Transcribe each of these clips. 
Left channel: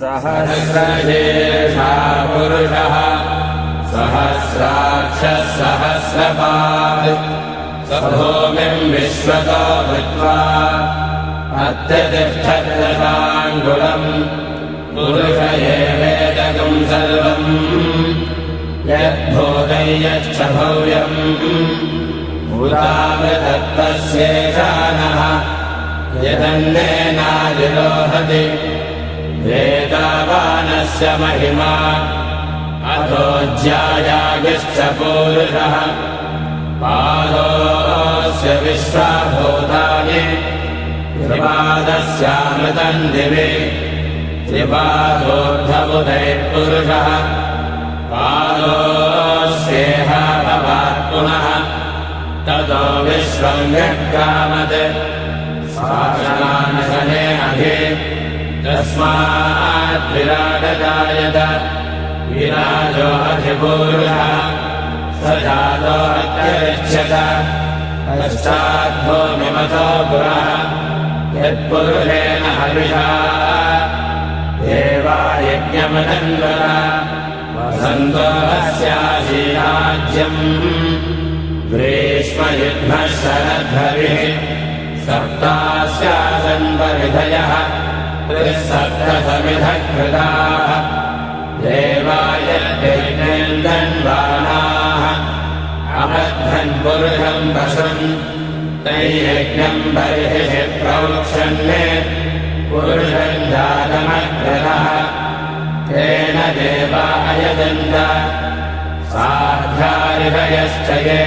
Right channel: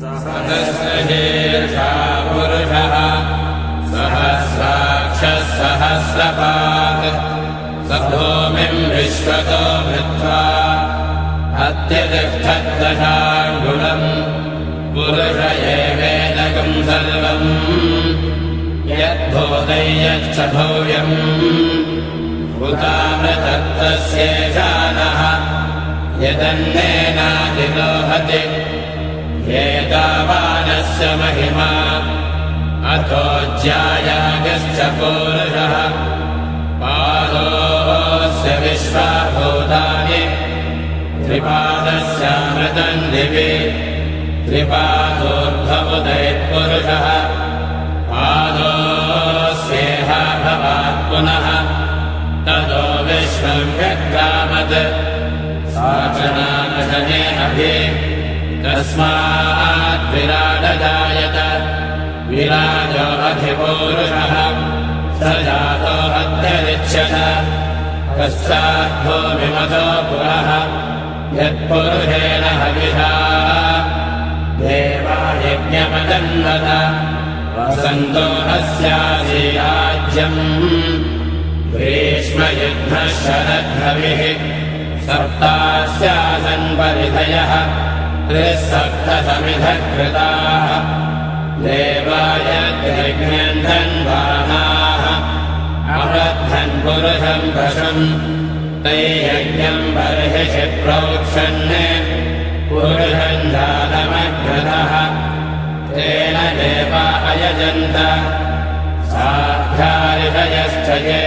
सहस्रशीर्षा पुरुषः सहस्राक्षः सहस्रपात् स भूमिम् विश्वतो भृत्वा अत्यतिष्ठद्दशाङ्गुलम् पुरुष एवेदकम् सर्वम् यद्भूतं यच्च भव्यम् भूतामृतत्तस्येषानः यदन्नेनादिरोहति एतावानस्य महिमा अथो ज्यायागिश्च पुरुषः पादोऽस्य विश्वभूतानि त्रिपादस्यामृतन्दिवे त्रिपादोऽर्थमुदयः पुरुषः पादोऽस्येह भवात् पुनः ततो विश्वम् यद्गामत् साचनानशने अभि तस्मात् विराजजायत विराजो अधिपूरुषः स जातो अत्यरिच्यत पश्चाद्भूमिमतो पुरः यत्पुरुषेण हविषा देवा यज्ञमतन्वत वसन्तो अस्यासीराज्यम् ग्रीष्मयुग्मः शरद्रविः सप्तास्यासन् परिधयः त्रिसप्तसमिधः कृताः देवायज्ञन्धन्वानाः अबद्धन् पुरुषम् वशन् तैयज्ञम् बर्हिः प्रोक्षन् पुरुषम् दानमग्रतः तेन देवा अयजन्त साध्यायश्च ये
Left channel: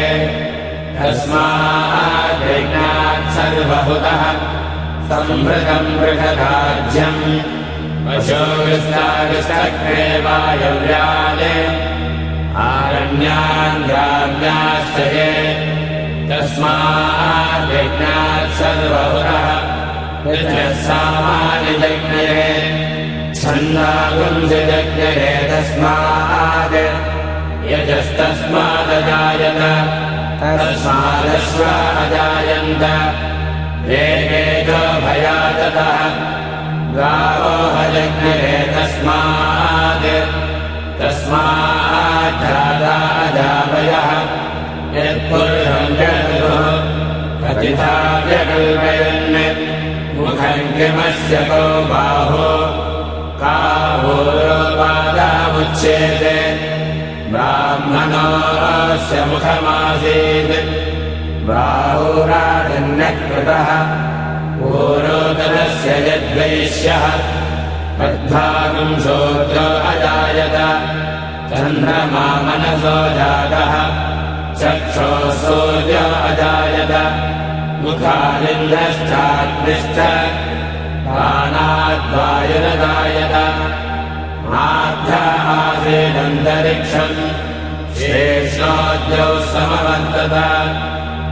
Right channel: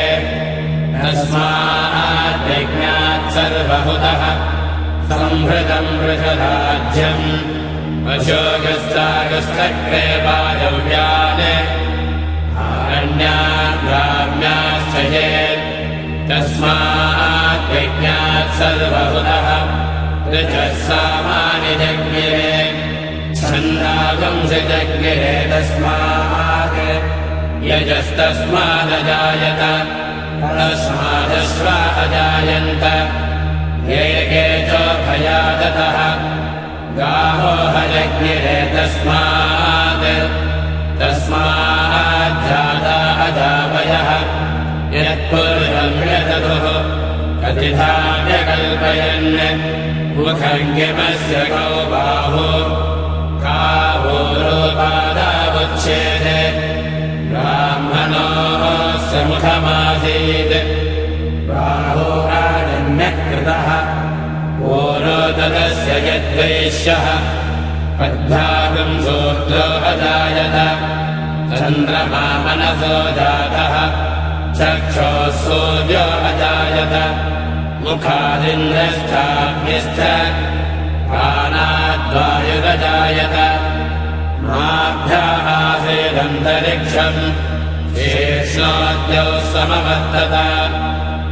तस्माद्यज्ञात् सर्वहुतः संवृतम् वृषधाज्यम् पशोगस्तागस्तग्रे वायव्याले आरण्याम् ग्राम्याश्च ये तस्माद्यज्ञात् सर्वहुतः ऋचः सामान्यजज्ञे छन्दागुंसिजज्ञे तस्मात् यजस्तस्मादजायत तस्मादश्वा अजायन्त एके च भयादतः गावो हयज्ञे तस्मात् तस्माद्धाता अजावयः यत्पुरुषम् जगतुः कथिता व्यकल्पयन् मुखङ्गिमस्य गौ बाहो कावोरोपादामुच्येते ब्राह्मणोऽस्य मुखमासीत् बाहुराजन्यकृतः पूरोदरस्य यद्वैश्यः पद्भागम् शूद्रो अजायत चन्द्रमा मनसो जातः चक्षोः सूर्यो अजायत मुखादिन्द्रश्चाग्निश्च प्राणाद्वायुरजायत माभ्यः आसीदन्तरिक्षम् शेषाद्यौ समवर्तत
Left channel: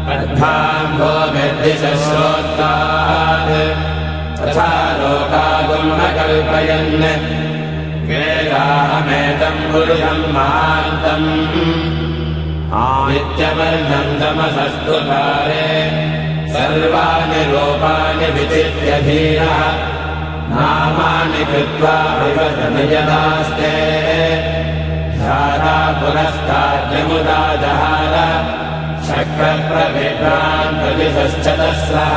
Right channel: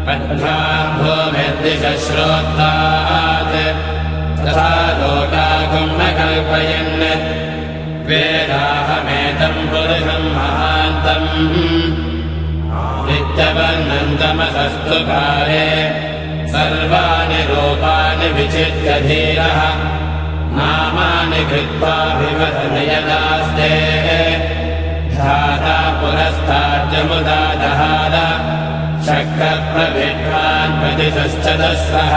पद्भाम् भूमिर्दिशः श्रोत्तात् तथा लोकागम् अकल्पयन् वेदाहमेतम् पुरुषम् महान्तम् आदित्यवर्णन्तमसस्तु काले सर्वाणि रूपाणि विचित्य धीरः नामानि कृत्वा विवदति यदास्ते ध्याता पुरस्ताद्यमुदा जहाद शक्रप्रविद्वान् प्रतिशश्चतस्रः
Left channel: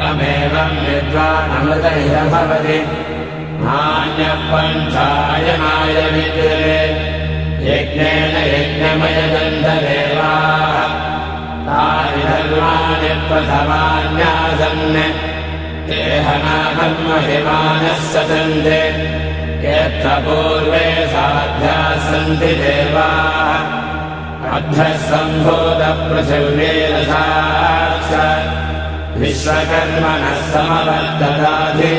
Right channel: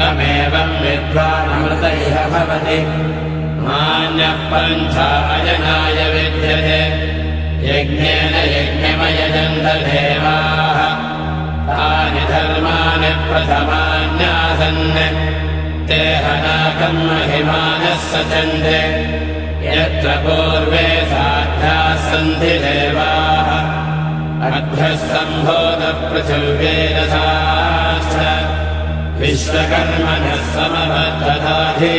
तमेवम् विद्वानमृतैः भवति नान्यः पञ्चायनाय विद्यते यज्ञेन यज्ञमयजन्त देवाः तानि धर्माणि प्रथमान्यासन् तेह नागम् महिमानः सचन्ते यत्र पूर्वे साध्याः सन्ति देवाः अध्वः सम्भूतः पृथिव्येरसाश्च विश्वकर्मणः समवर्तदाधि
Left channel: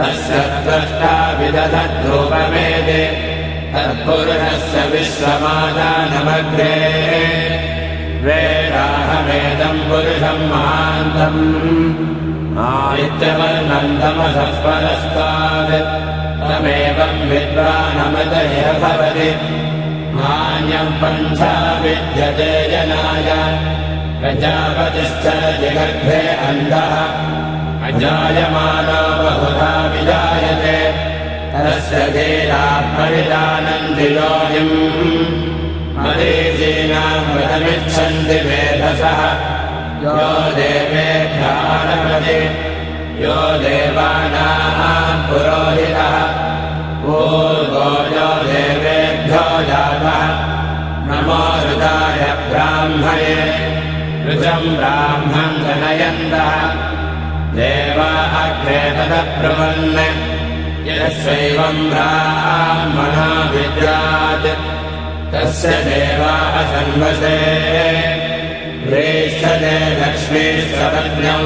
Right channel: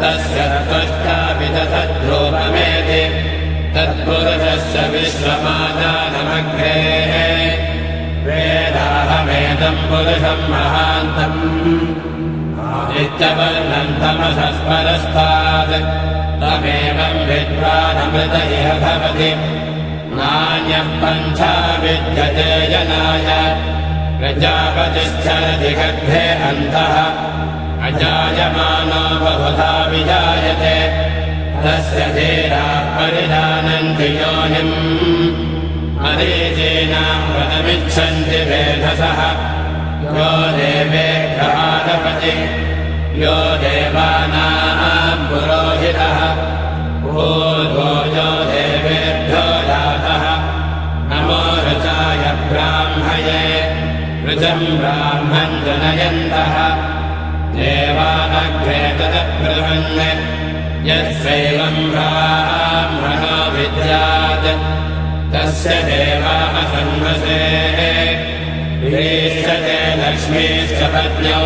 तस्य द्रष्टा विदधद्रूपमेते तत्पुरुषस्य विश्वमादानमग्रे वेदाहमेतम् पुरुषम् महान्तम् आदित्यवर्णम् तमसः परस्तात् तमेवम् विद्वानमृतैः भवति नान्यम् पन्था विद्यते जनाय प्रजापतिश्चरति गर्भे अन्तः अजायमानो बहुधा विजायते तस्य धीराः परिजानन्ति योनिम् मरीचीनाम् व्रतमिच्छन्ति वेधसः यो देवेभ्यः आरभते यो देवानाम् पुरोहितः ऊर्ध्वो यो देवेभ्यो जातः नमो ऋताय ब्राह्मये ऋजम् ब्राह्मम् जनयन्तः देवा अग्रे तदब्रुवन् यस्यैवम् ब्राह्मणो विद्यात् तस्य देवाः संवसे प्रीष्ठते लक्ष्मीश्च पत्न्यौ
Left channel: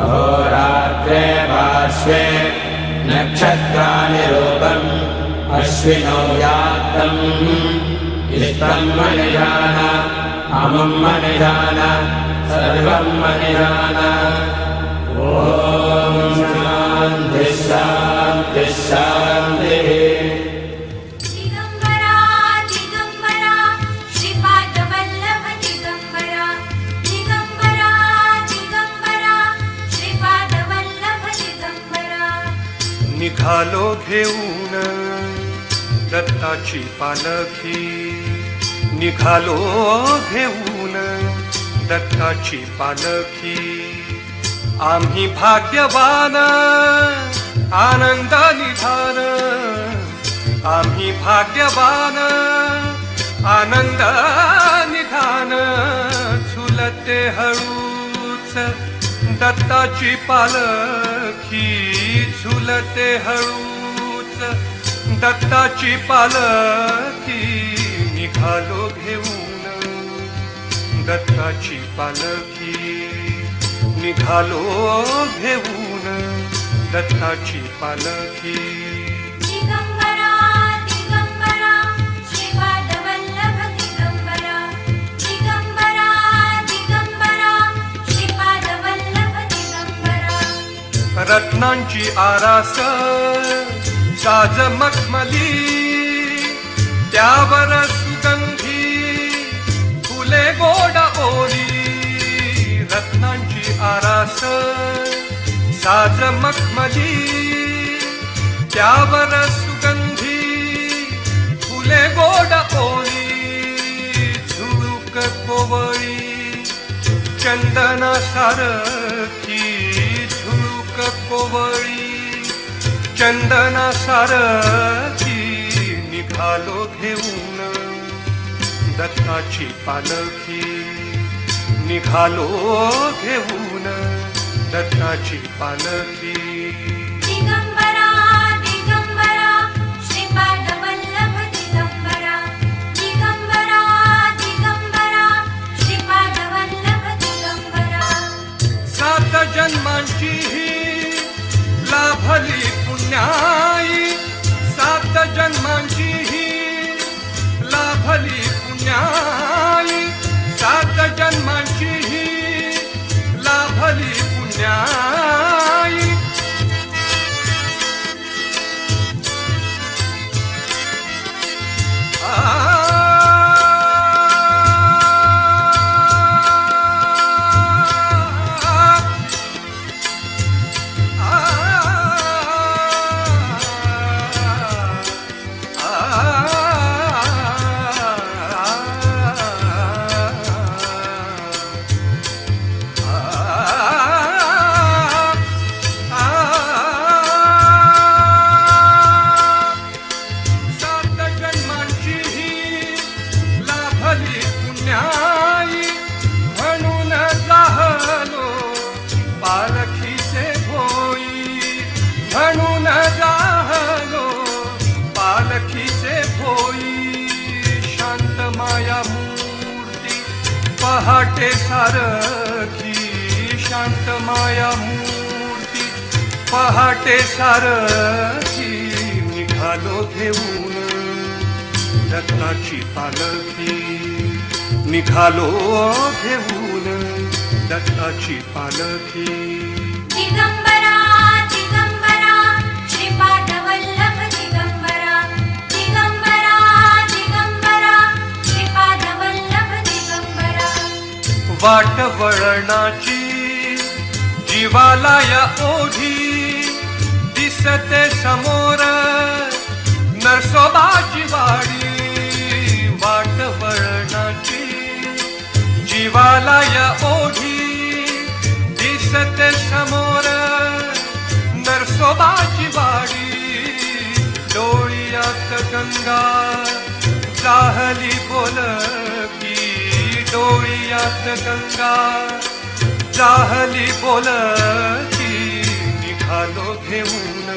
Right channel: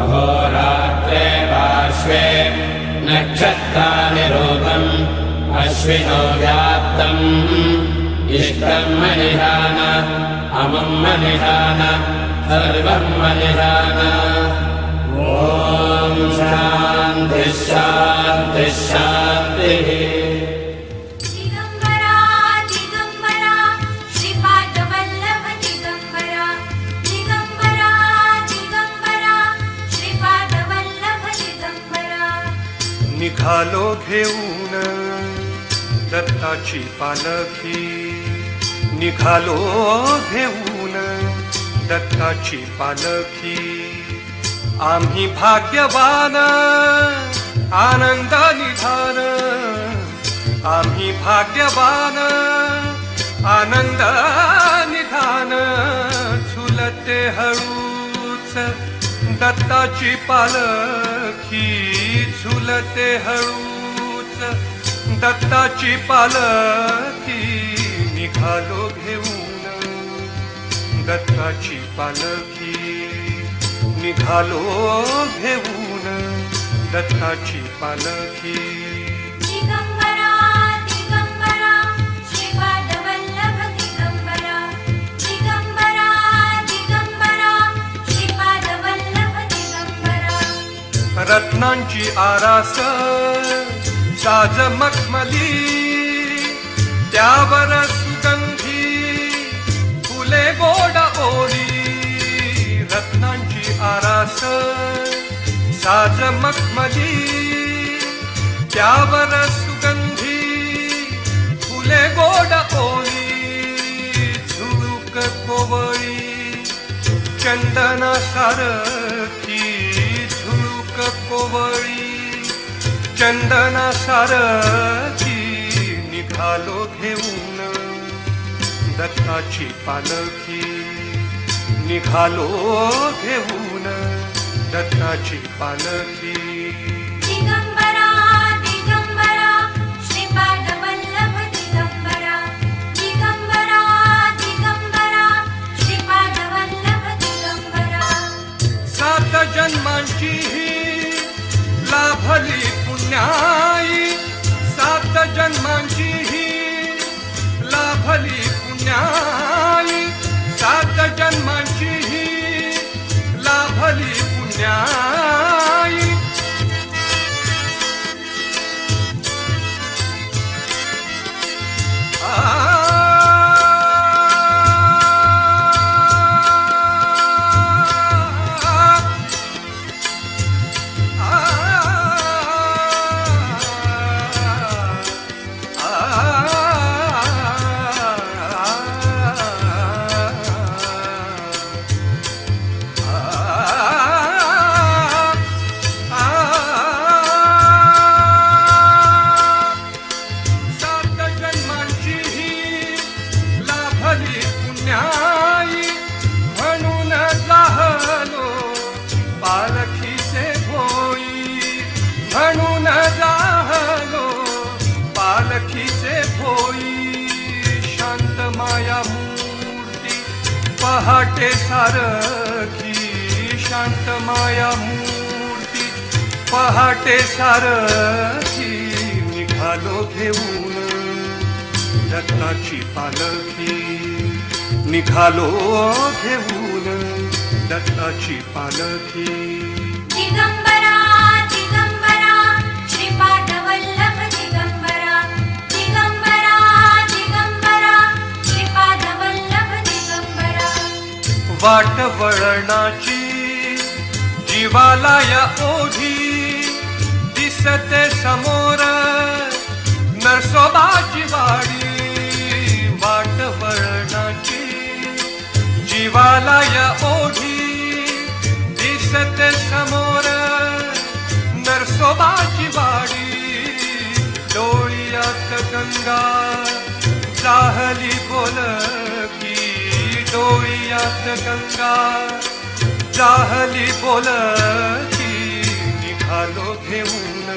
अहोरात्रे पार्श्वे नक्षत्राणि रूपम् अश्विनौ यात्तम् इष्टम् मनिधान अमुम् मनिधान सर्वम् मनिधान ॐ शान्तिः शान्तिः शान्तिः दिगम्बरा दिगम्बरा श्रीपादवल्लभ दिगम्बरा दिगम्बरा दिगम्बरा श्रीपादवल्लभ दिगम्बरा निघालो घेऊन दत्ताची पालखी निघालो घेऊन दत्ताची पालखी आम्ही भाग्यवान आनंद निधान आम्ही भाग्यवान आनंद निधान झुलते हळूच दत्ताची पालखी झुलते हळूच दत्ताची पालखी निघालो घेऊन दत्ताची पालखी निघालो घेऊन दत्ताची पालखी दिगम्बरा दिगम्बरा श्रीपादवल्लभ दिगम्बरा दिगम्बरा दिगम्बरा श्रीपादवल्लभ दिगम्बरा रत्नांची आरास साज मखमली त्यावर सुगंधी फुले गोड ओली रत्नांची आरास साज मखमली त्यावर सुगंधी फुले गोड ओली झुळूक कोवळी चंदना सारखी झुळूक कोवळी चंदना सारखी निघालो घेऊन दत्ताची पालखी निघालो घेऊन दत्ताची पालखी दिगम्बरा दिगम्बरा श्रीपादवल्लभ दिगम्बरा दिगम्बरा दिगम्बरा श्रीपादवल्लभ दिगम्बरा सात जन्मांची ही लाभली पुण्याई सात जन्मांची ही लाभली पुण्याई सात जन्मांची ही लाभली पुण्याई पालखीचे भोई शांत माया मूर्ती पहाटे सारखी शांत माया मूर्ती पहाटे सारखी निघालो घेऊन दत्ताची पालखी निघालो घेऊन दत्ताची पालखी दिगम्बरा दिगम्बरा श्रीपादवल्लभ दिगम्बरा दिगम्बरा दिगम्बरा श्रीपादवल्लभ दिगम्बरा वाट वळणाची जीवाला या ओढी दिसते समोर हिमालय ओढी दिसते समोर नरसोबाची वाडी डोळ्यात गंगा जाहली बोलकी डोळ्यात गंगा जाहली बोलकी निघालो घेऊन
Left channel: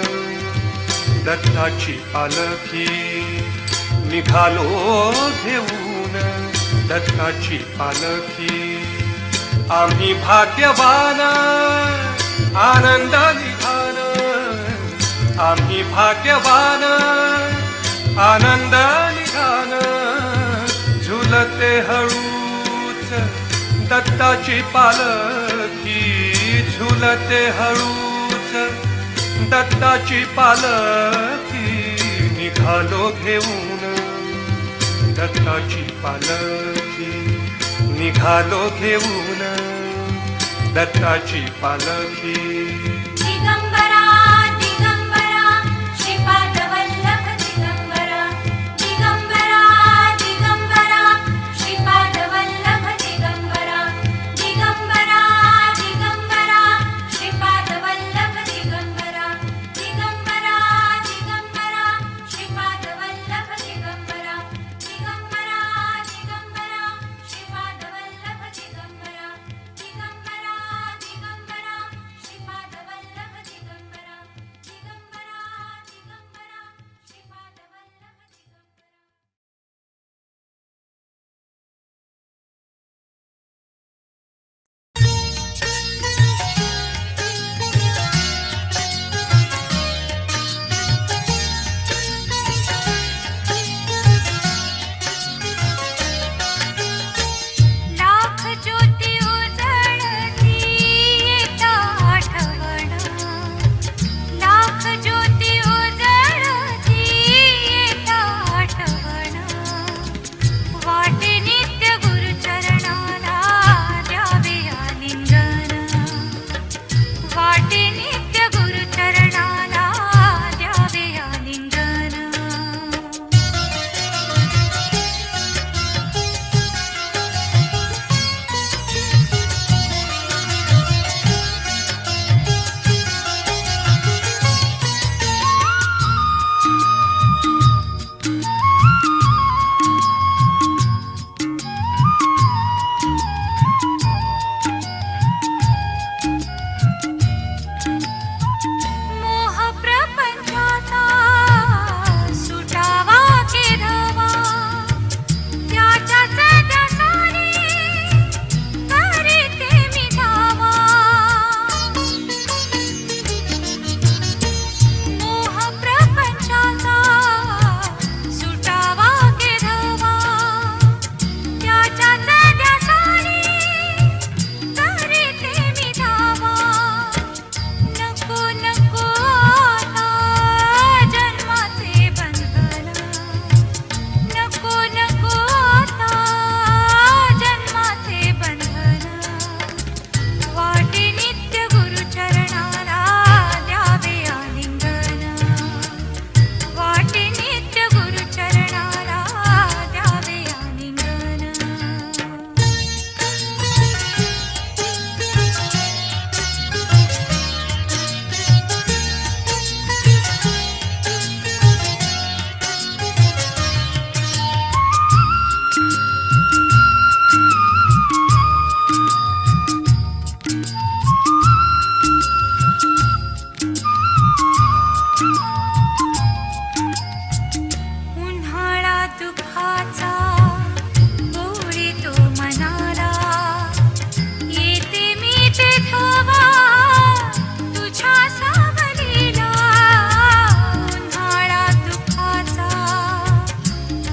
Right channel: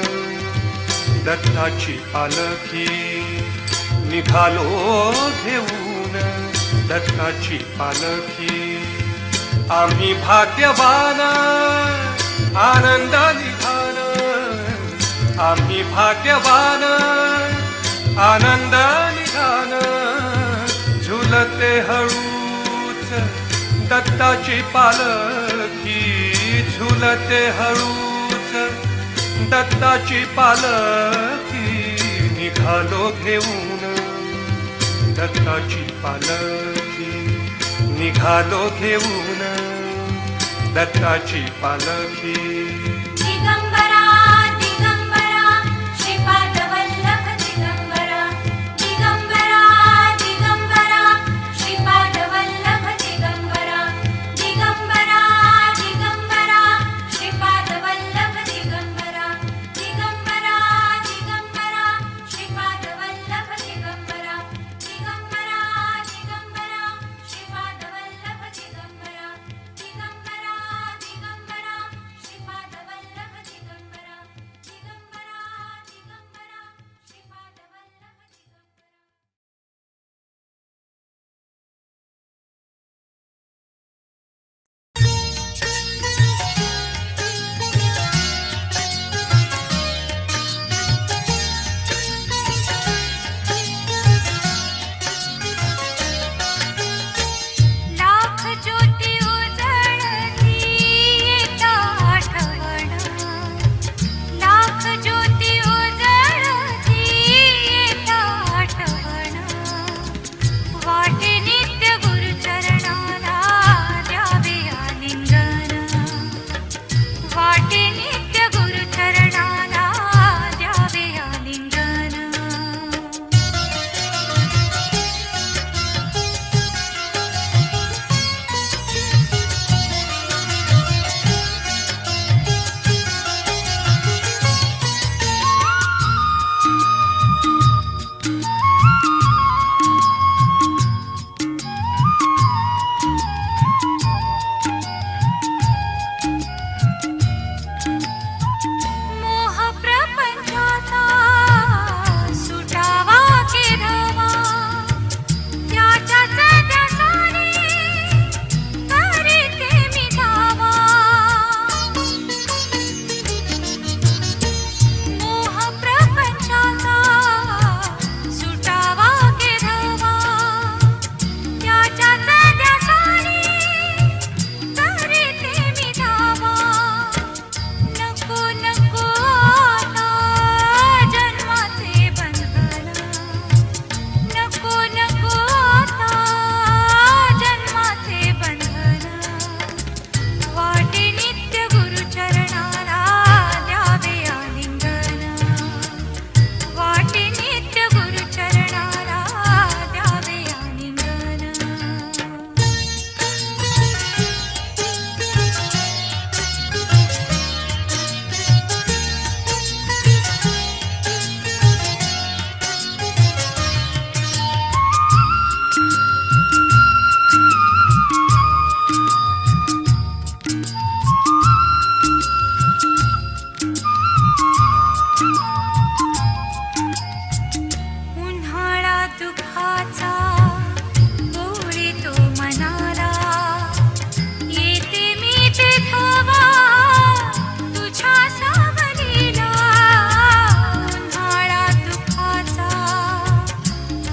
दत्ताची पालखी निघालो घेऊन दत्ताची पालखी आम्ही भाग्यवान आनंद निघाल आम्ही भाग्यवान आनंद निघाल झुलते हळूच दत्ताची पालखी झुलते हळूच दत्ताची पालखी निघालो घेऊन दत्ताची पालखी निघालो घेऊन दत्ताची पालखी दिगंबरा दिगंबरा श्रीपाद वल्लभ दिगंबरा दिगंबरा दिगंबरा श्रीपाद वल्लभ दिगंबरा दिगंबरा दिगंबरा श्रीपाद वल्लभ दिगंबरा दिगंबरा दिगंबरा श्रीपाद वल्लभ दिगंबरा दिगंबरा दिगंबरा श्रीपाद वल्लभ दिगंबरा दिगंबरा दिगंबरा श्रीपाद वल्लभ दिगंबरा दिगंबरा दिगंबरा श्रीपाद वल्लभ दिगंबरा लाख ज्योती उजळती येता आठवण लाख ज्योती उजळती येता आठवण वाटे नित्य गुरुचरणाला द्यावे आलिंगन वाटे नित्य गुरुचरणाला द्यावे आलिंगन मोह प्रपंचाचा सुटावा केरवा त्याच्या सजसारी करीते मी धावा मोह प्रपंचाचा सुटावा केरवा त्याच्या सजसारी करीते मी धावा नको नको आता जन्माचे बंधन नको नको आता जन्माचे बंधन वाटे नित्य गुरुचरणाला द्यावे आलिंगन वाटे नित्य गुरुचरणाला द्यावे आलिंगन उन्हाळा दुःखाचा गोळीतो मनाला येते मी ते थोवा तुझ्या सावलीला उन्हाळा दुःखाचा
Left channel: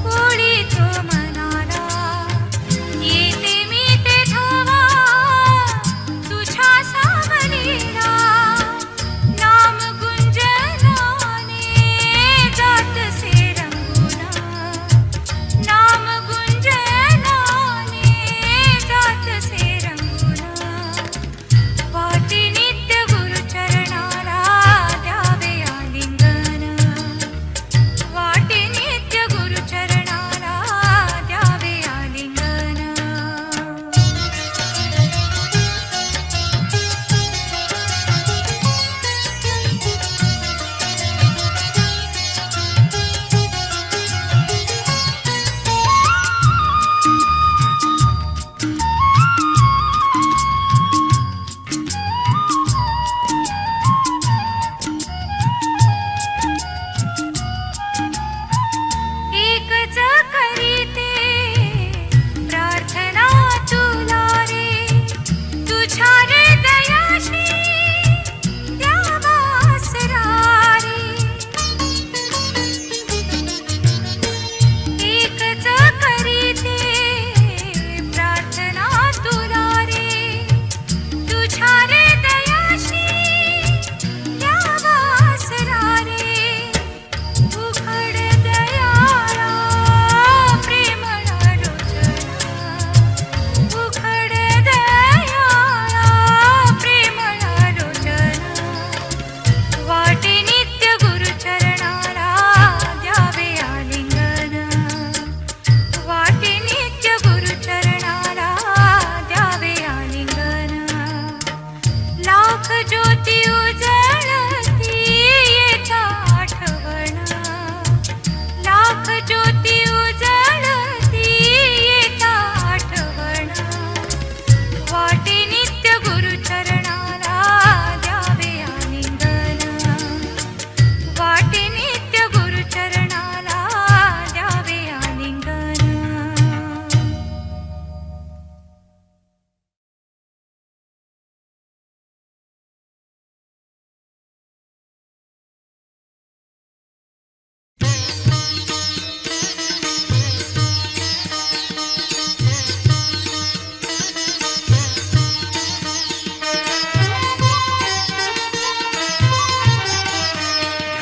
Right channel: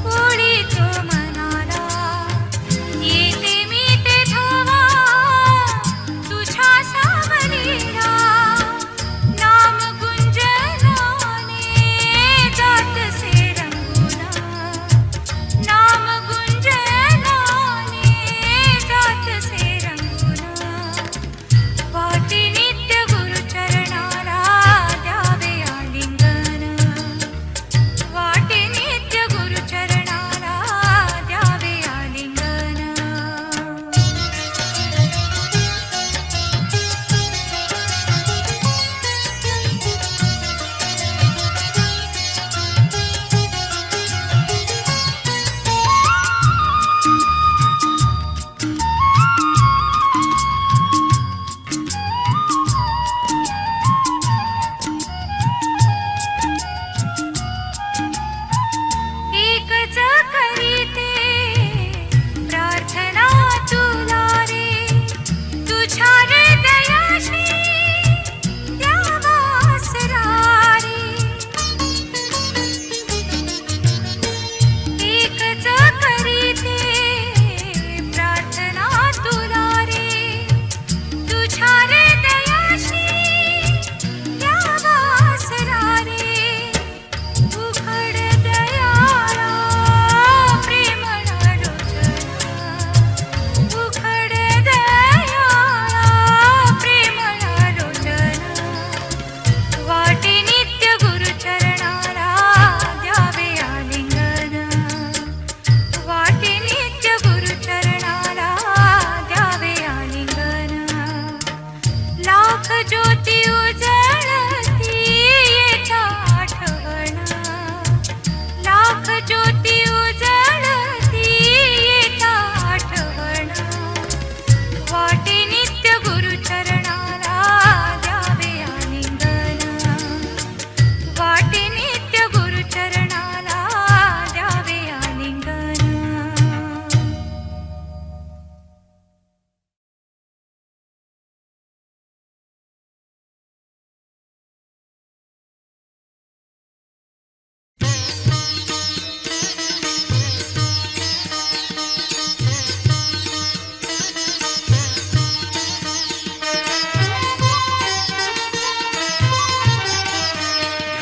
गोळीतो मनाला येते मी ते थोवा तुझ्या सावलीला नाम गुंजनाने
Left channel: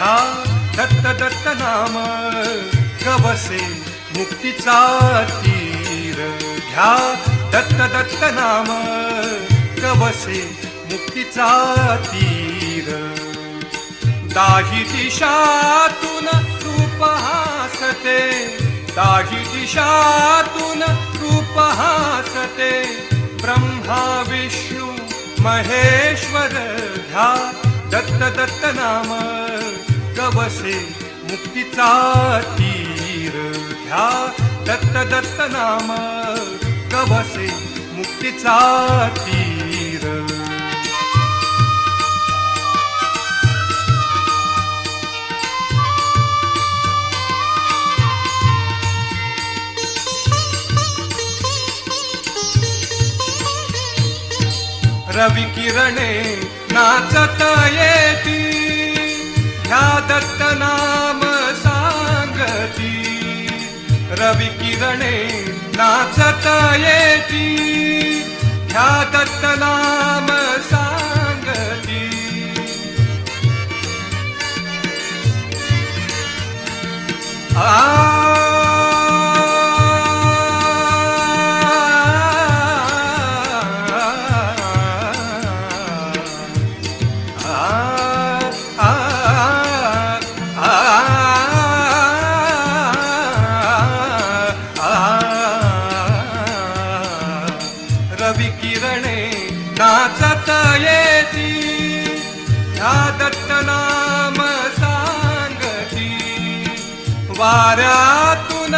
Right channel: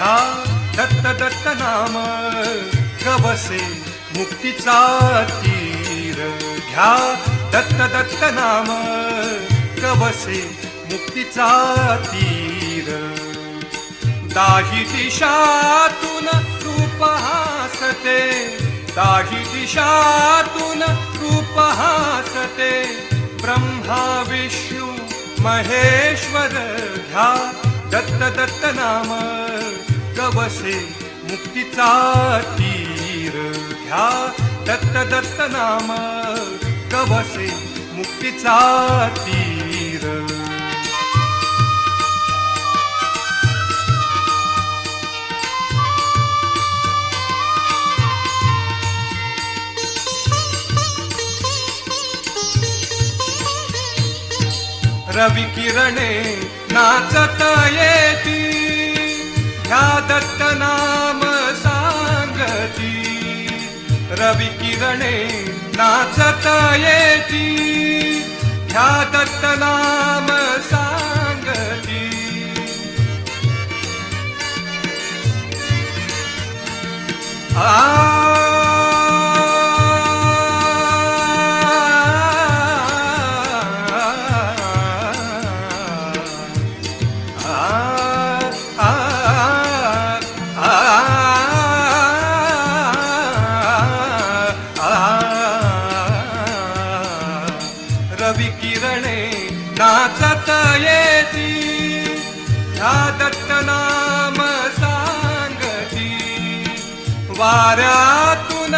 घ्या दत्त दत्त नाम गवसे मुक्तीचा तीर घ्या दत्त दत्त नाम गवसे मुक्तीचा तीर दाही दिशातून रूप हासते दाही दिशातून रूप हासते ब्रह्मा विष्णू महेश्वर घ्या दत्त दत्त नाम गवसे मुक्तीचा तीर घ्या दत्त दत्त नाम गवसे मुक्तीचा तीर रवि किरणे नाचत येती ह्या दत्त नाम सांगती रवि किरणे नाचत येती ह्या दत्त नाम सांगती रवि किरणे नाचत येती ह्या दत्त नाम सांगती वाऱ्यातून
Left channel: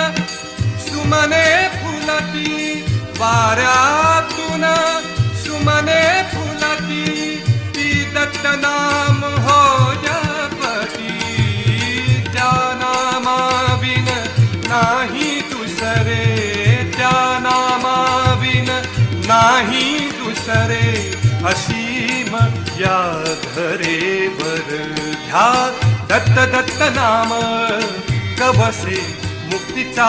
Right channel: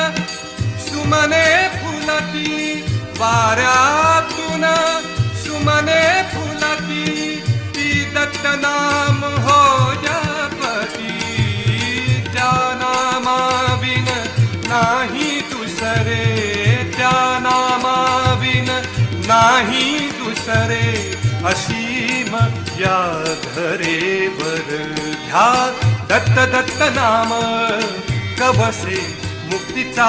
सुमने फुलती वाऱ्यातून सुमने फुलती ती दत्त नाम हो जपती त्या नामाविन नाही दुसरे त्या नामाविन नाही दुसरे असीम या धरेवर घ्या दत्त दत्त नाम गवसे मुक्तीचा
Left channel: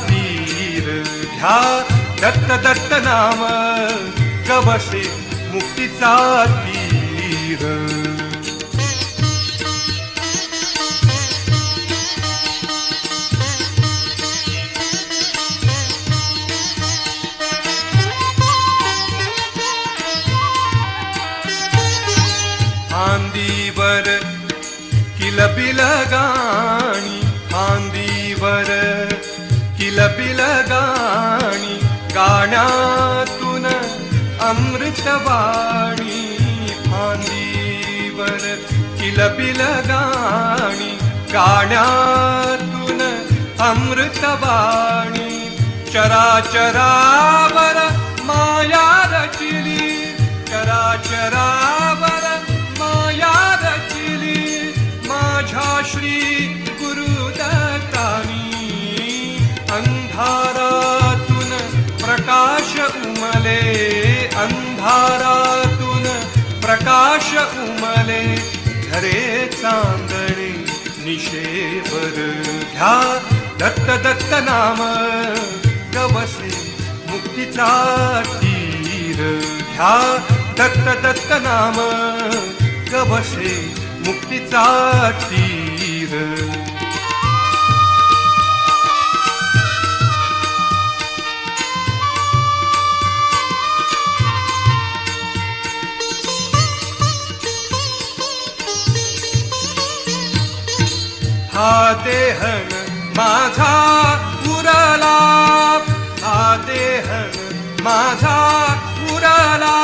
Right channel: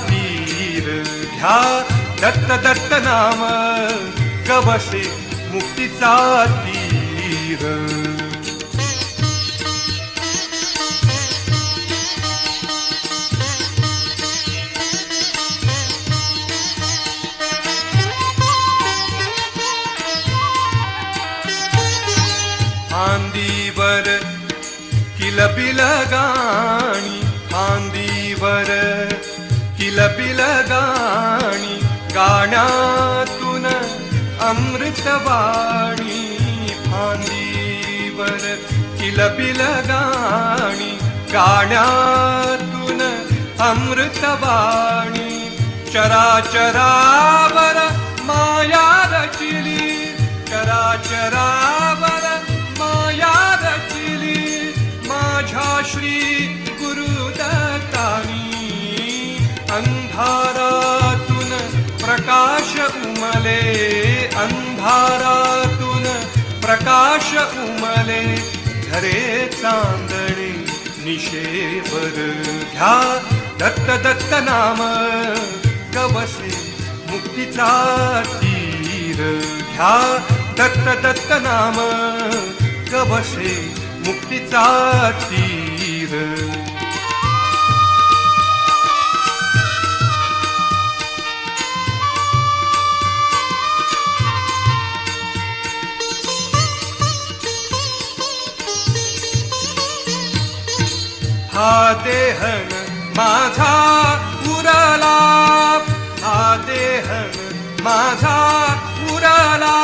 तीर घ्या दत्त दत्त नाम गवसे मुक्तीचा तीर फांदीवर किलबिल गाणी फांदीवर किलबिल गाणी गाण्यातून अमृतवाणी फांदीवर किलबिल गाणी गाण्यातून अमृतवाणी चराचरावर माया रचिली चराचरावर माया रचिली माझ्या श्री गुरुदत्तानी अंधारातून प्रकाश उमले अंधारातून प्रकाश उमले धरे चांदणे निशेवर घ्या दत्त दत्त नाम गवसे मुक्तीचा तीर घ्या दत्त दत्त नाम गवसे मुक्तीचा तीर हा देहन माझा उरला हा देहन माझा उरला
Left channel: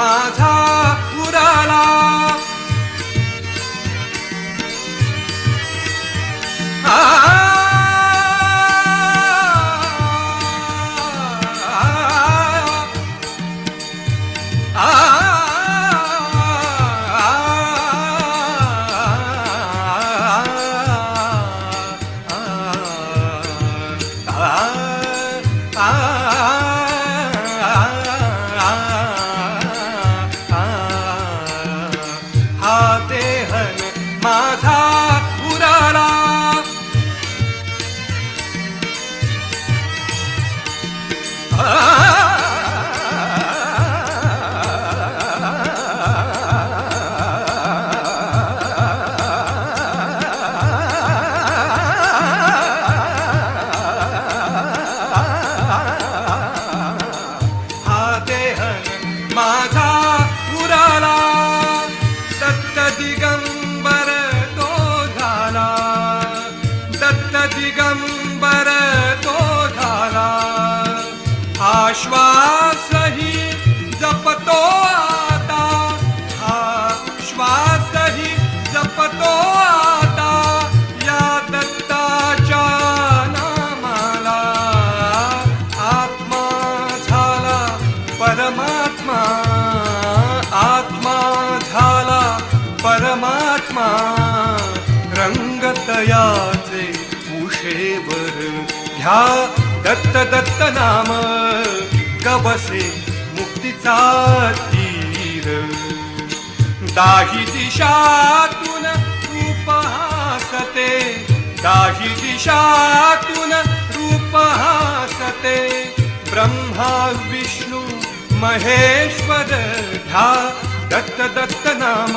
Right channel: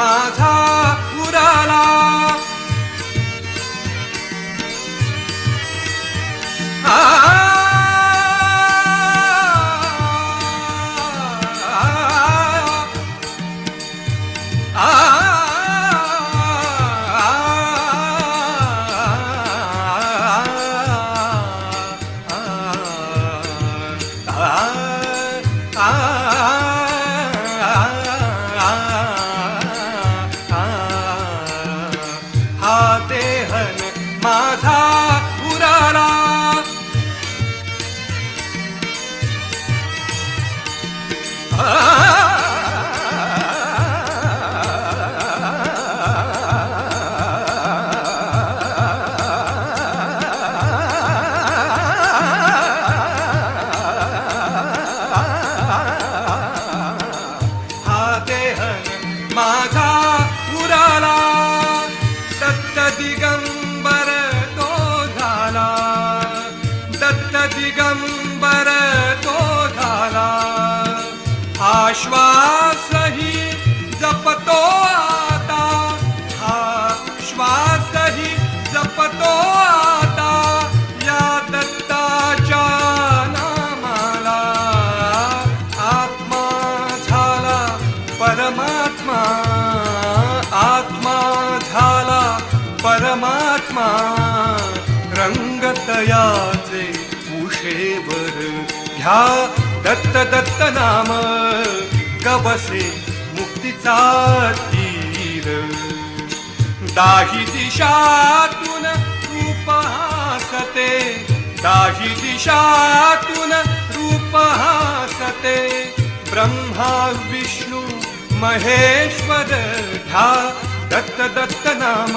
माझा उराला दिगंबर तो झाला, आश्वासही जपतो आता, हा श्वासही जपतो आता, या दत्ताच्या नामाला. आत्मा झाला परमात्मा, आत्मा झाला परमात्मा. रंगतयाचे उशेवर घ्या दत्त दत्त नाम, गवसे मुक्तीचा तीर. दाही दिशातून रूप हासते, दाही दिशातून रूप हासते. ब्रह्मा विष्णू महेश्वर घ्या दत्त दत्त नाम,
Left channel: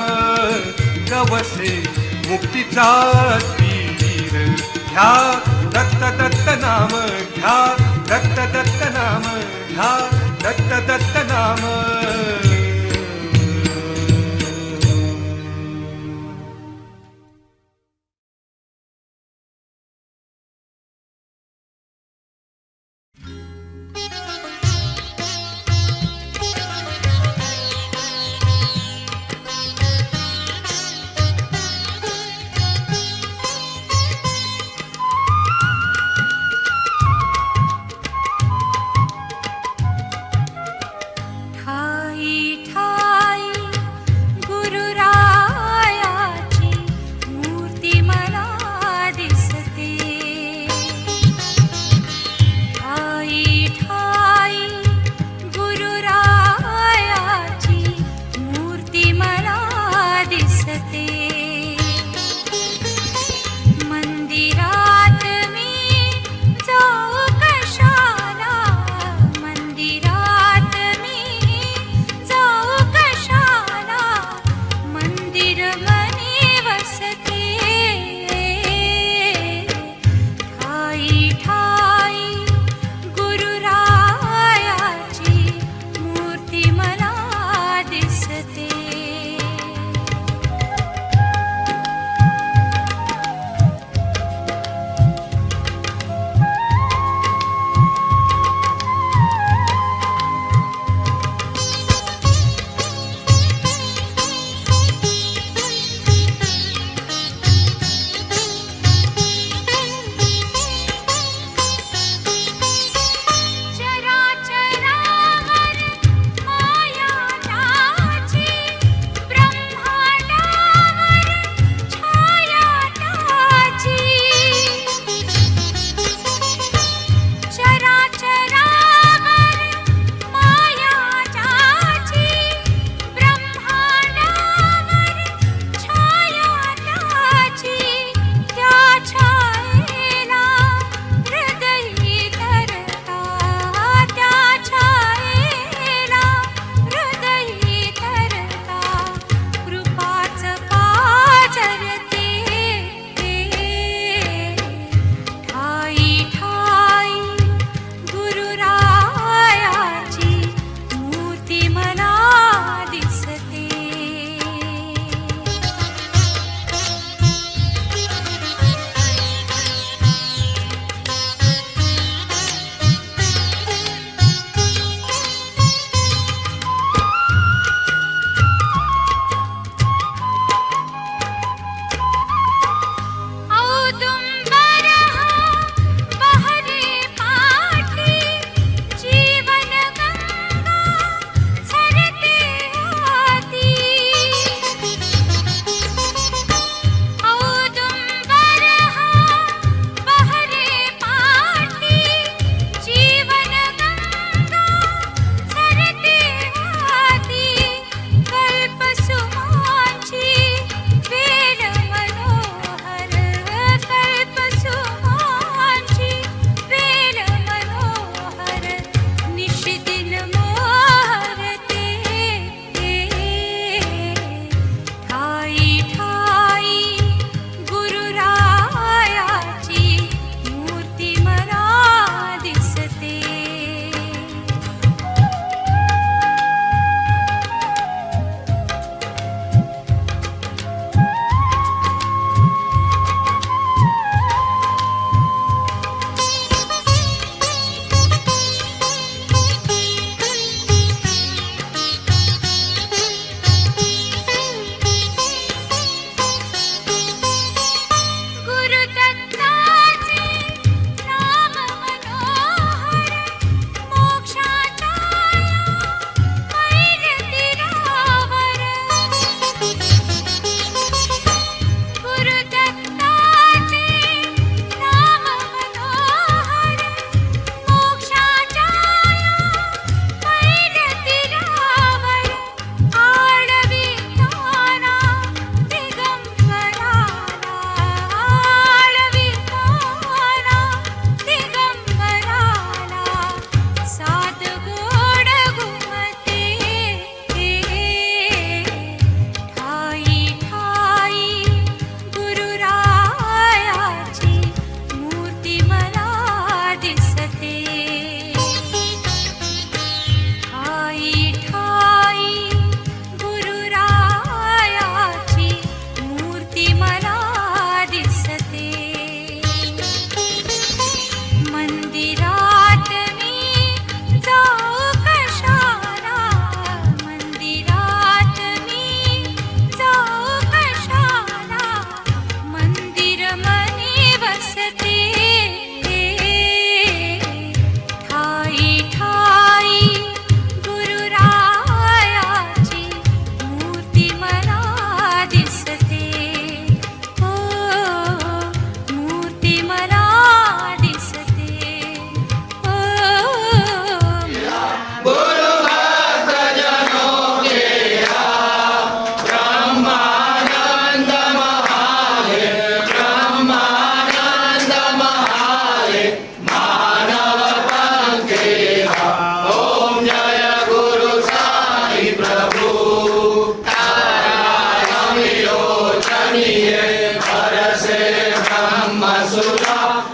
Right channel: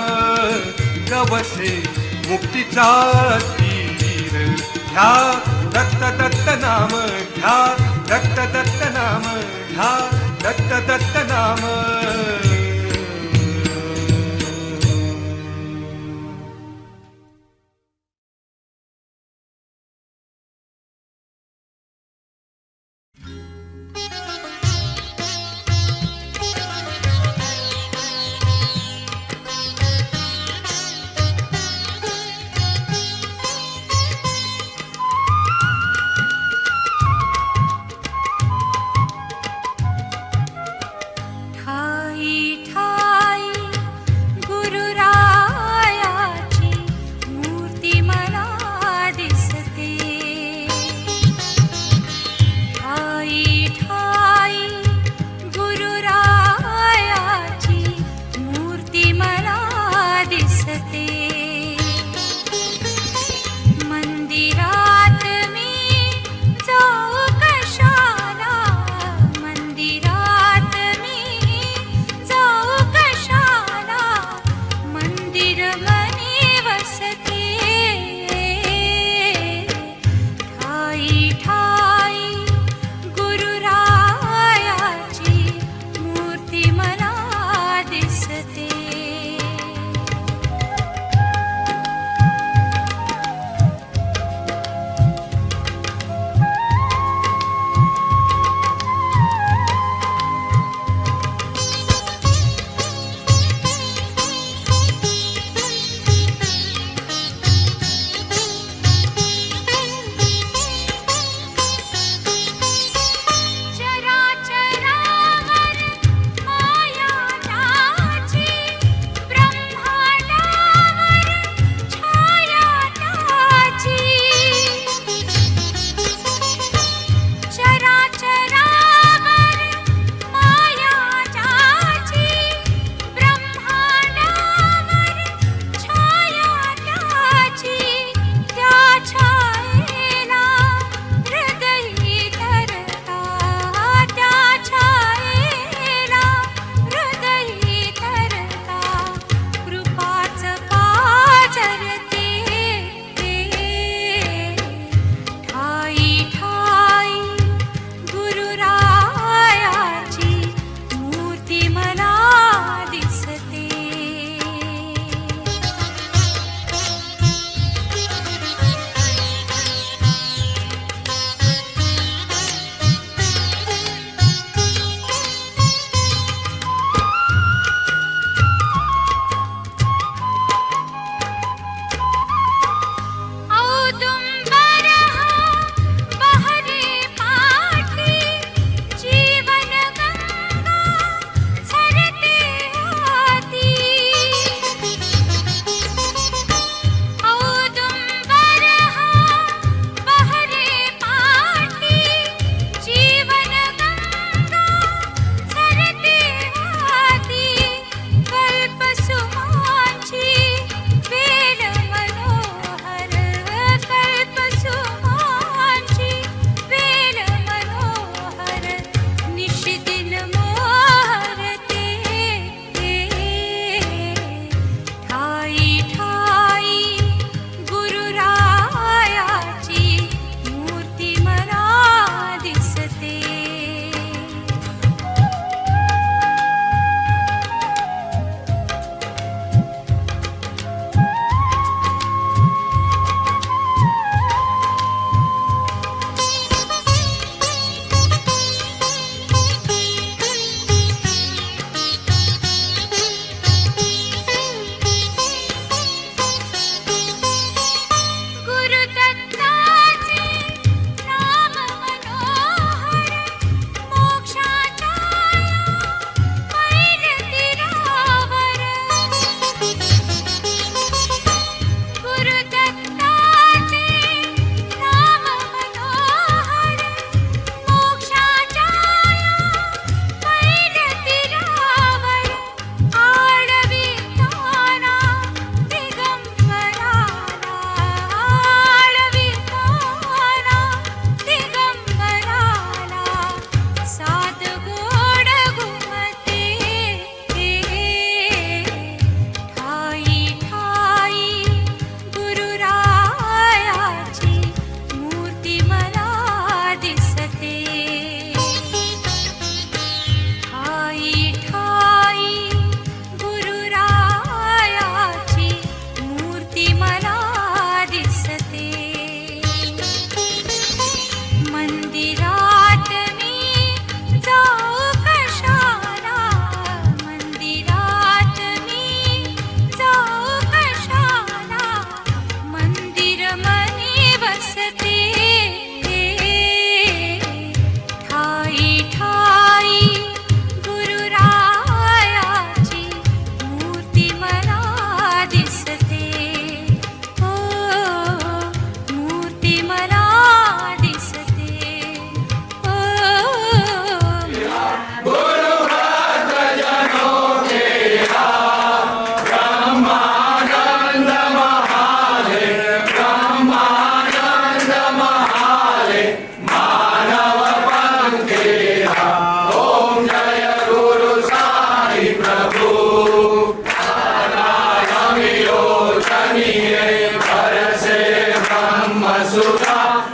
गवसे मुक्तीचा तीर. घ्या दत्त दत्त नाम, घ्या दत्त दत्त नाम, घ्या दत्त दत्त नाम.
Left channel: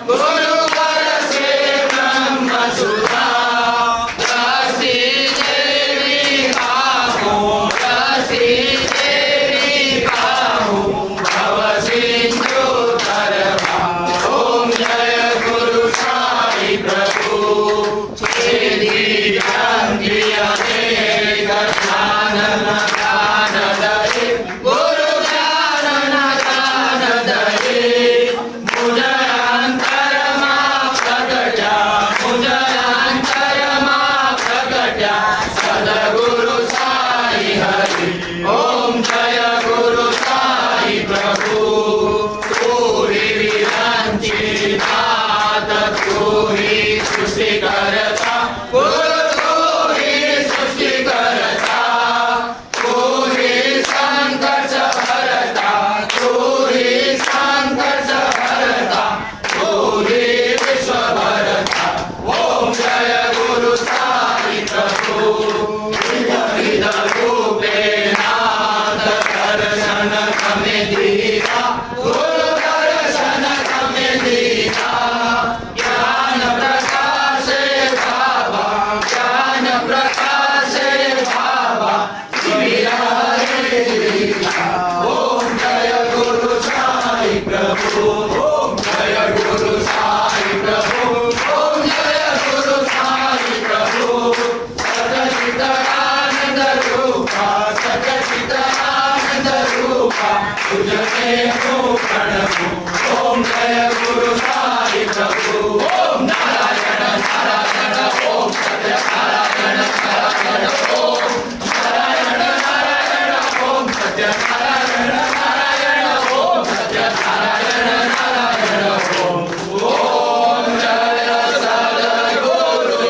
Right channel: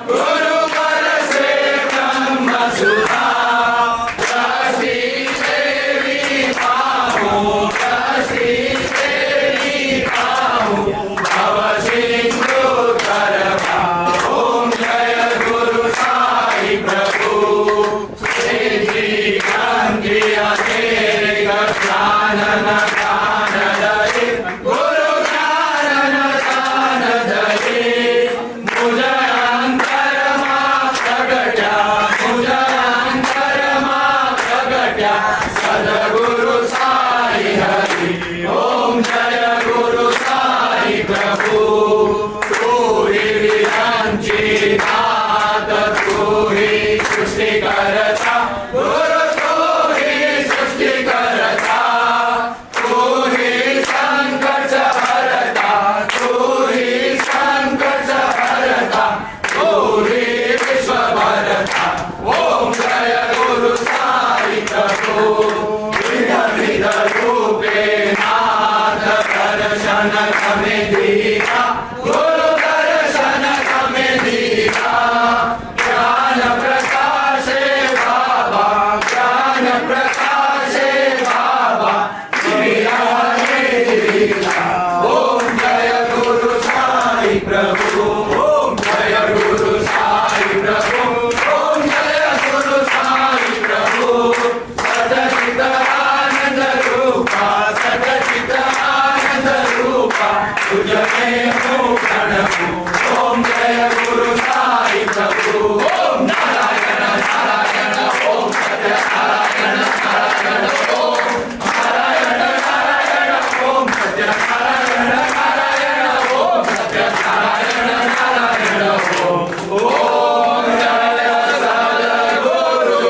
गुरु परसे ब्रह्मसुधा दृष्टि तेरी पाहूं दृष्टि तेरी पाहूं भव सिंधु तर ओम जय गुरु साई प्रभु तेरी गांधी अनेक ज्ञानन दान दे गुरु ज्ञानन दान दे मुझ अंतरमा प्रगटा मुझ अंतरमा प्रगटा सद्गुरु साई हरि ओम जय गुरु साई प्रभु तू ही विरांची नाथ तू ही सृष्टि करता गुरु तू ही सृष्टि करता तू ही संकट हरता तू ही संकट हरता तू ही विश्व भरता ओम जय गुरु साई प्रभु विध विध रूपे नाथ दर्शन हमें दीना गुरु दर्शन हमें दीना ज्ञान प्रकाशे बाबा ज्ञान प्रकाशे बाबा दिया रे दिया ओम जय गुरु साई प्रभु ओम जय गुरु साई प्रभु ओम जय गुरु साई प्रभु सच्चिद आनंद रूपा सच्चिद आनंद रूपा तुझे प्रणमु ओम जय गुरु साई प्रभु ओम नारायण नारायण ओम सत्य नारायण नारायण ओम नारायण नारायण ओम सत्य नारायण नारायण ओम सत्य नारायण नारायण ओम ओम जय सद्गुरुदेवा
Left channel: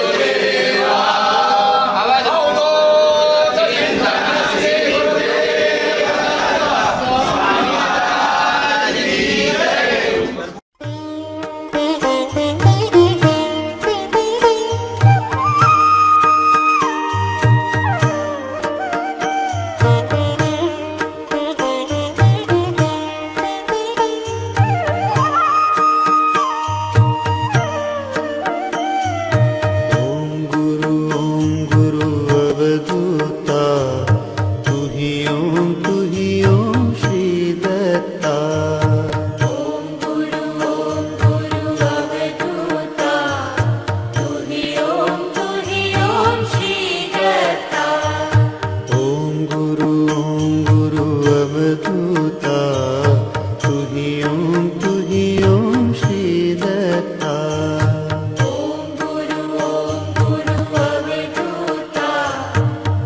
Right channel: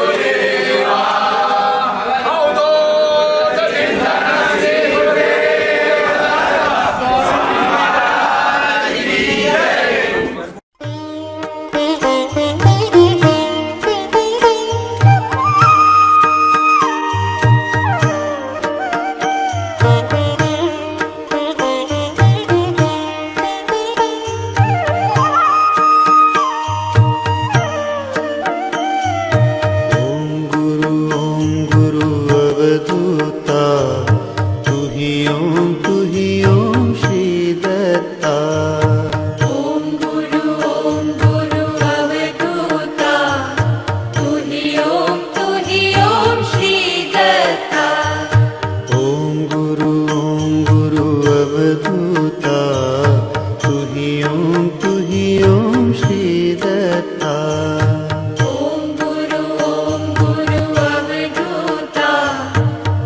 अवधूत चिंतन श्री गुरुदेव स्वामी महाराज की जय। ओम गुरु अवधूता तू ही ओम श्री दत्ता ओम गुरु अवधूता तू ही ओम श्री दत्ता ओम गुरु अवधूता तू ही ओम श्री दत्ता ओम गुरु अवधूता तू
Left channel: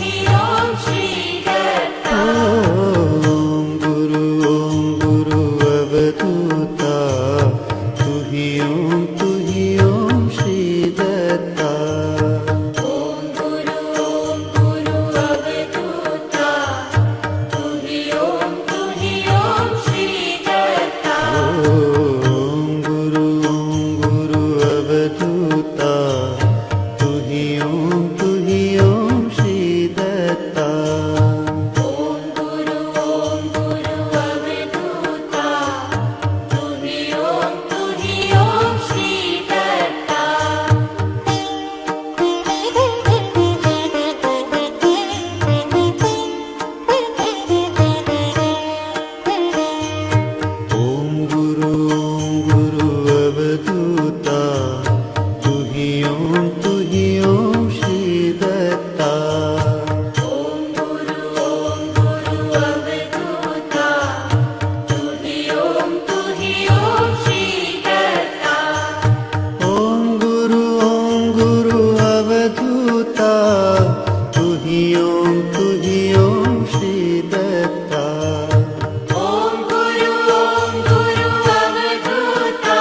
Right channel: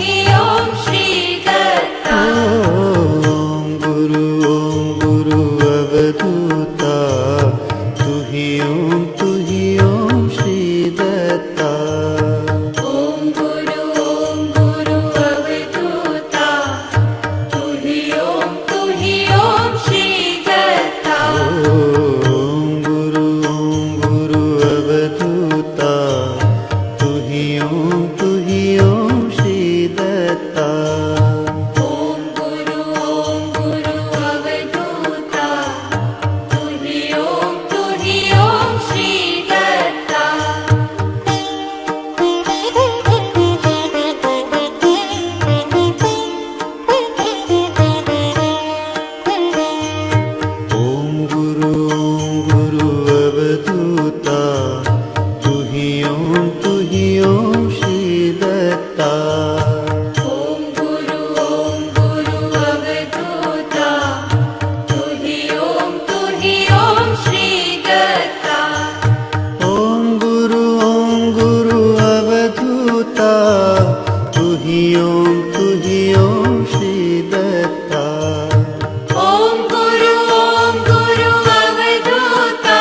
ही ओम श्री दत्ता ओम गुरु अवधूता तू ही ओम श्री दत्ता ओम गुरु अवधूता तू ही ओम श्री दत्ता ओम गुरु अवधूता तू ही ओम श्री दत्ता ओम गुरु अवधूता तू ही ओम श्री दत्ता ओम गुरु अवधूता तू ही ओम श्री दत्ता ओम गुरु अवधूता तू ही ओम श्री दत्ता ओम गुरु अवधूता तू ही ओम श्री दत्ता ओम गुरु अवधूता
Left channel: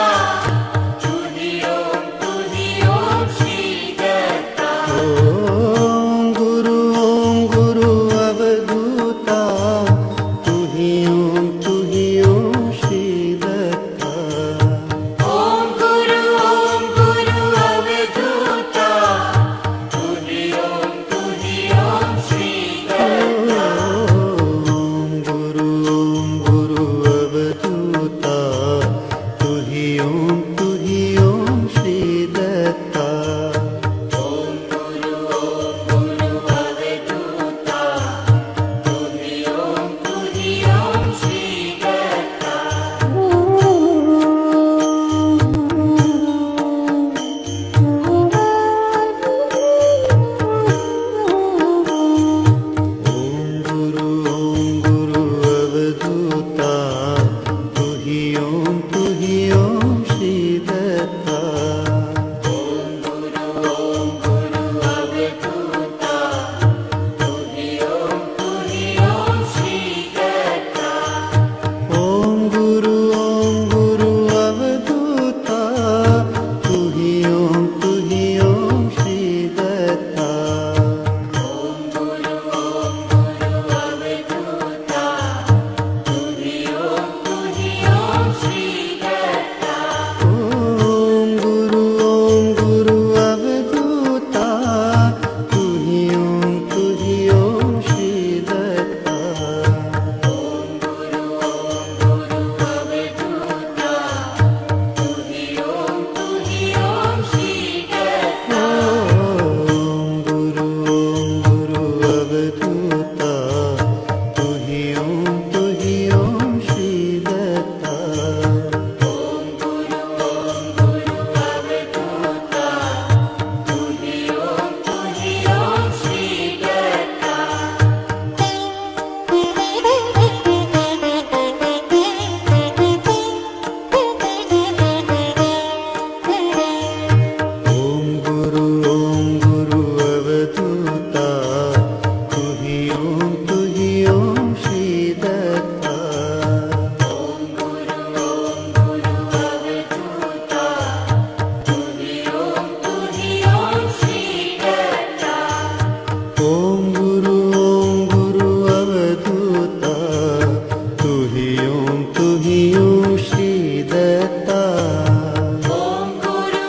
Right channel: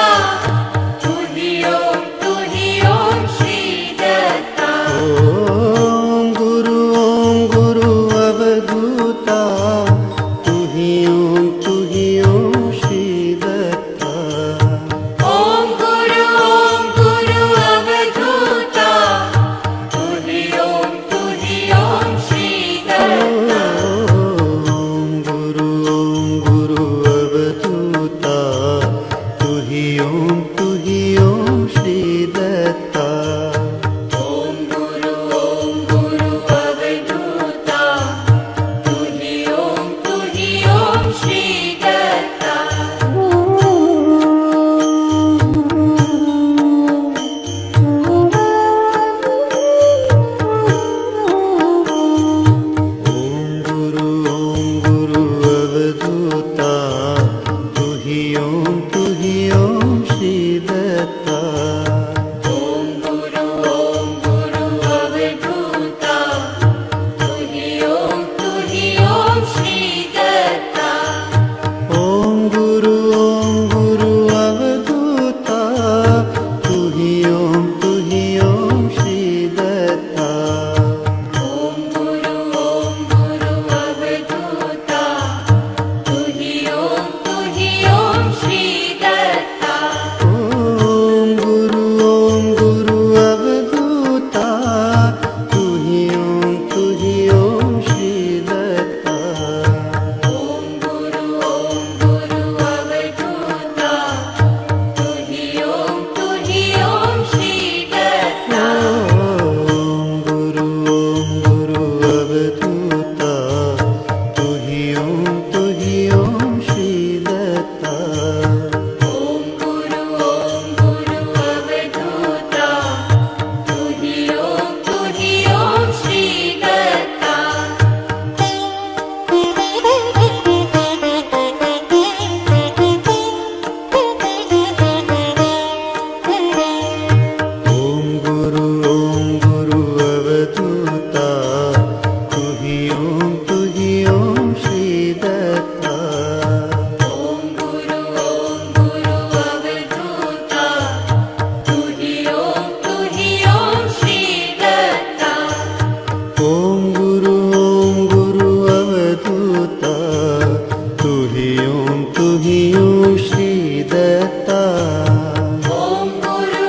ओम गुरु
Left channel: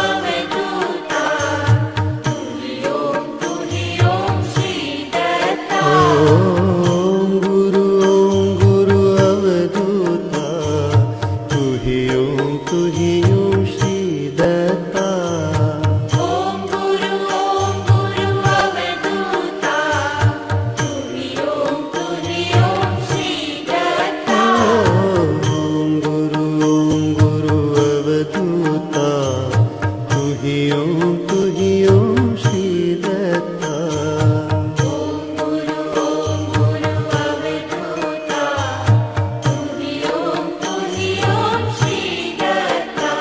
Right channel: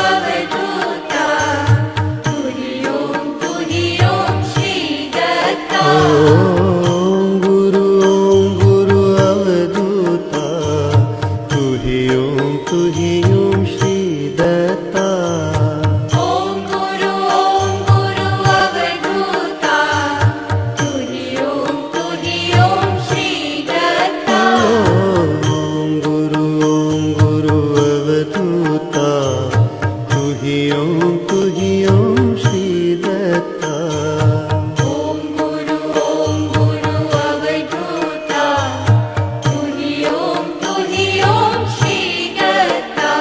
अवधूता तुही ओम श्री दत्ता ओम गुरु अवधूता तुही ओम श्री दत्ता ओम गुरु अवधूता तुही ओम श्री दत्ता ओम गुरु अवधूता तुही ओम श्री दत्ता ओम गुरु अवधूता तुही ओम श्री दत्ता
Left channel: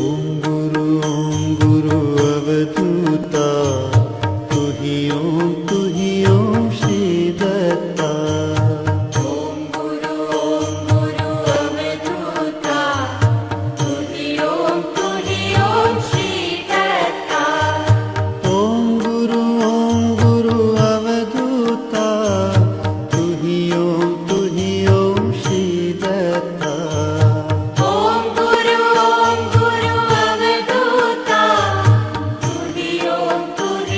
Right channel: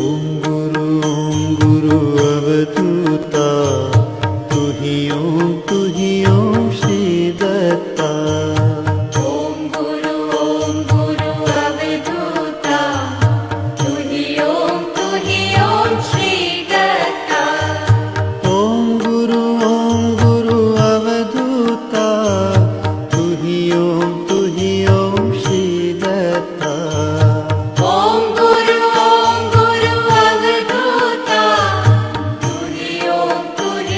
ओम गुरु अवधूता तुही ओम श्री दत्ता ओम गुरु अवधूता तुही ओम श्री दत्ता ओम गुरु अवधूता तुही ओम श्री दत्ता ओम गुरु अवधूता तुही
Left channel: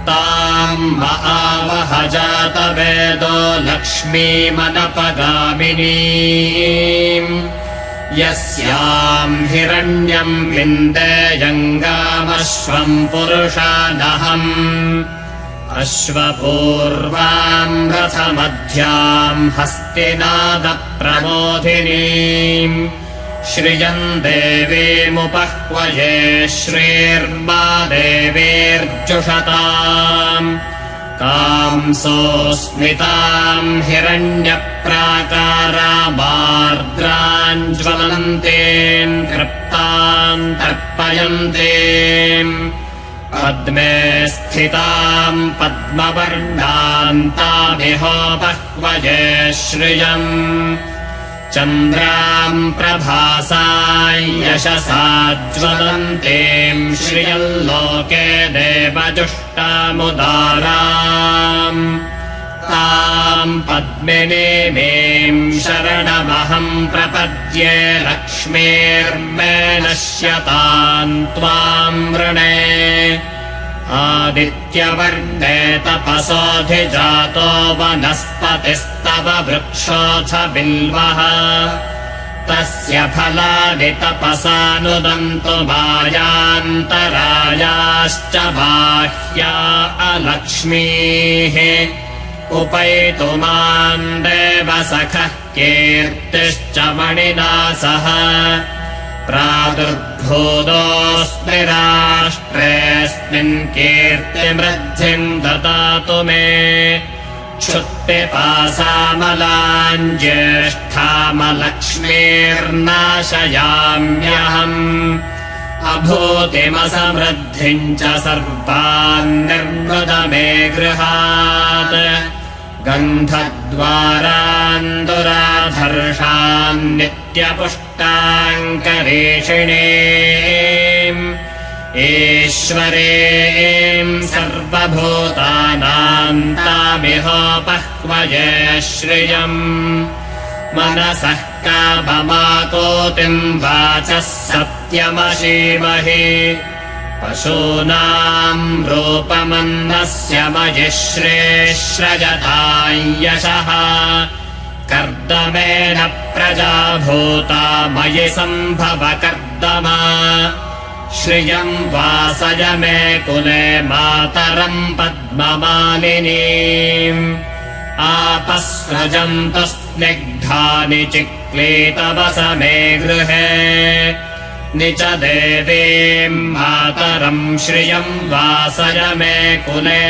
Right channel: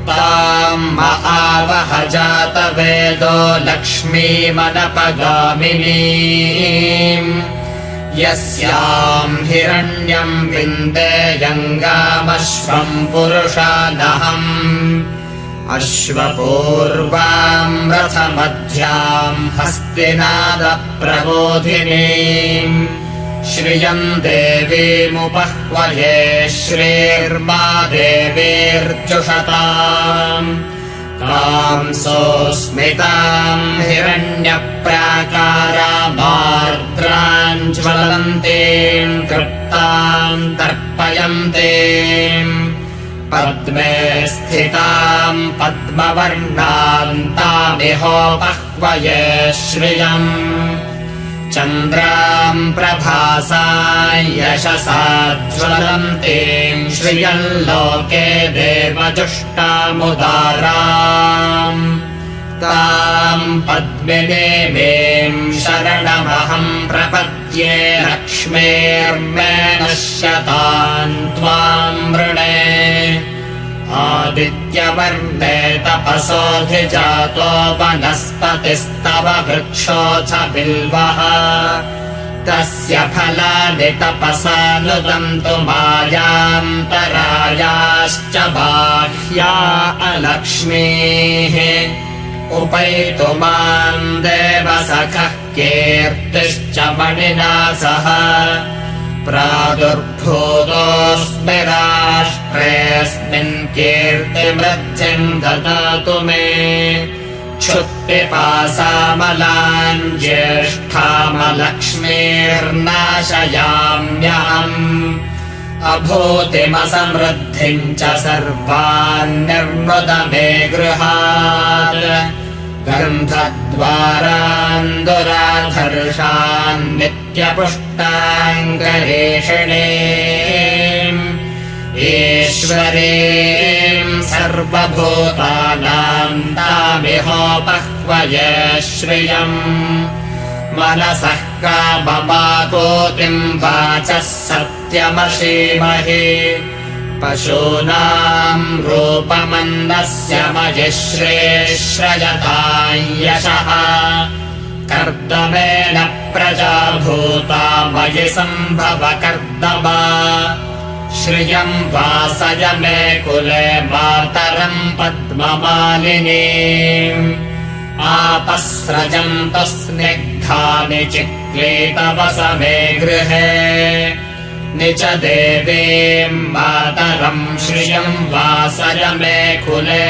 ताम् महावह जातवेदो लक्ष्मीमनपगामिनीम् यस्याम् हिरण्यम् विन्देयङ्गामश्वम् पुरुषादहम् अश्वपूर्वाम् रथमध्याम् हस्तिनादप्रबोधिनीम् श्रियम् देवीमुपह्वये श्रीर्मा देवीर्जुषताम् कांसोऽस्मिताम् हिरण्यप्राकारामार्द्राम् ज्वलन्तीम् तृप्ताम् तर्पयन्तीम् पद्मे स्थिताम् पद्मवर्णान्तामिहोपह्वये श्रियम् चन्द्राम् प्रभासा यशसा ज्वलन्तीम् श्रियल्लोके देवजुष्टामुदाराम् ताम् पद्मिनीमीम् शरणमहम् प्रपद्ये लक्ष्मीर्मे नश्यताम् त्वाम् वृणे आदित्यवर्णे तपसोऽधिजातो वनस्पतिस्तव वृक्षोऽथ बिल्वः तस्य फलानि तपसानुदन्तु मायान्तरायाश्च बाह्या अलक्ष्मीः उपैतु माम् देवसखः कीर्तिश्च मणिना सह प्रादुर्भूतोऽस्मि राष्ट्रेऽस्मिन् कीर्तिमृद्धिम् ददातु मे क्षुत्पिपासामलाम् ज्येष्ठामलक्ष्मीर्नाशयाम्यहम् अभूतिमसमृद्धिम् च सर्वान् निर्वृद मे गृहात् गन्धद्वारान् दुराधर्षान् नित्यपुष्टाङ्करेषिणीम् ईश्वरीम् सर्वभूतानाम् तामिहोपह्वये श्रियम् मनसः काममाकोतिम् वाचः सत्यमशीमहि पशूनाम् रूपमन्नस्य मयिश्रेश्रयताम् यशः कर्दमेन प्रजा भूता मयि सम्भव कर्दमा श्रियम् वासय मे कुले मातरम् पद्ममालिनीम् आपस्रजन्तु स्निग्धानि चिक्लीतवस मे गृहे निच देवीम् मातरम् श्रियम् वासय मे कुले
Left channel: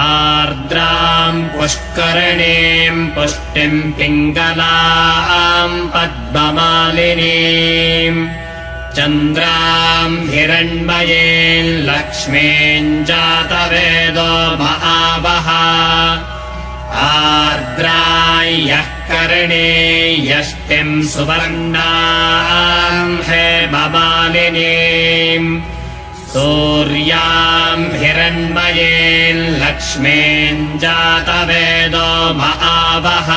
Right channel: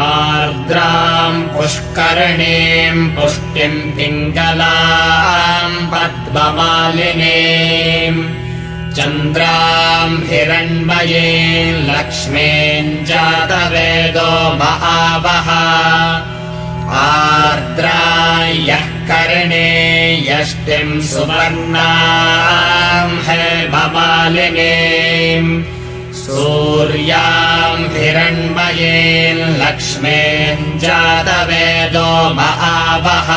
आर्द्राम् पुष्करिणीम् पुष्टिम् पिङ्गलाम् पद्ममालिनीम् चन्द्राम् हिरण्मयीम् लक्ष्मीम् जातवेदो महावः आर्द्रायः कर्णे यष्टिम् सुवर्णाम् हेममालिनीम् सूर्याम् हिरण्मयीम् लक्ष्मीम् जातवेदो महावः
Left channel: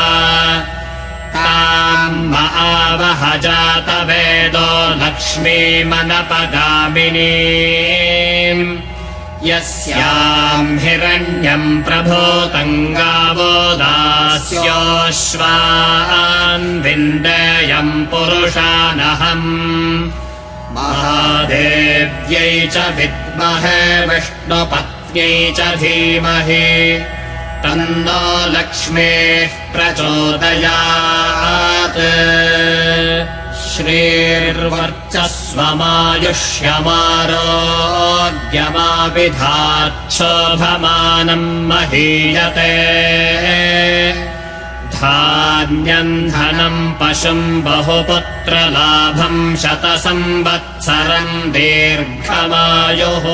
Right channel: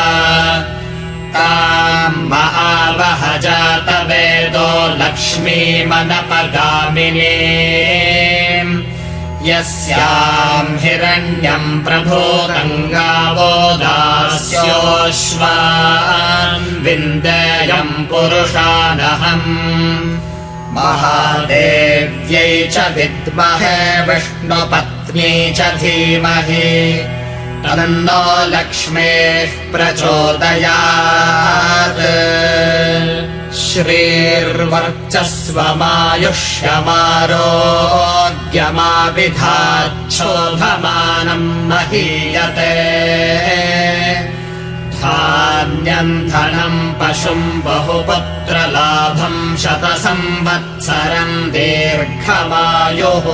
ताम् महावः जातवेदो लक्ष्मीमनपगामिनीम् यस्याम् हिरण्यम् प्रभूतम् गावो दास्योऽश्वान् विन्देयम् पुरुषानहम् महादेव्यै च विद्महे विष्णुपत्न्यै च धीमहि तन्नो लक्ष्मीः प्रचोदयात् श्रीर्वर्चस्वमायुष्यमारोग्यमाविधाच्छोभमानम् महीयते धान्यम् धनम् पशुम् बहुपुत्रलाभम् शतसंवत्सरम् दीर्घमायुः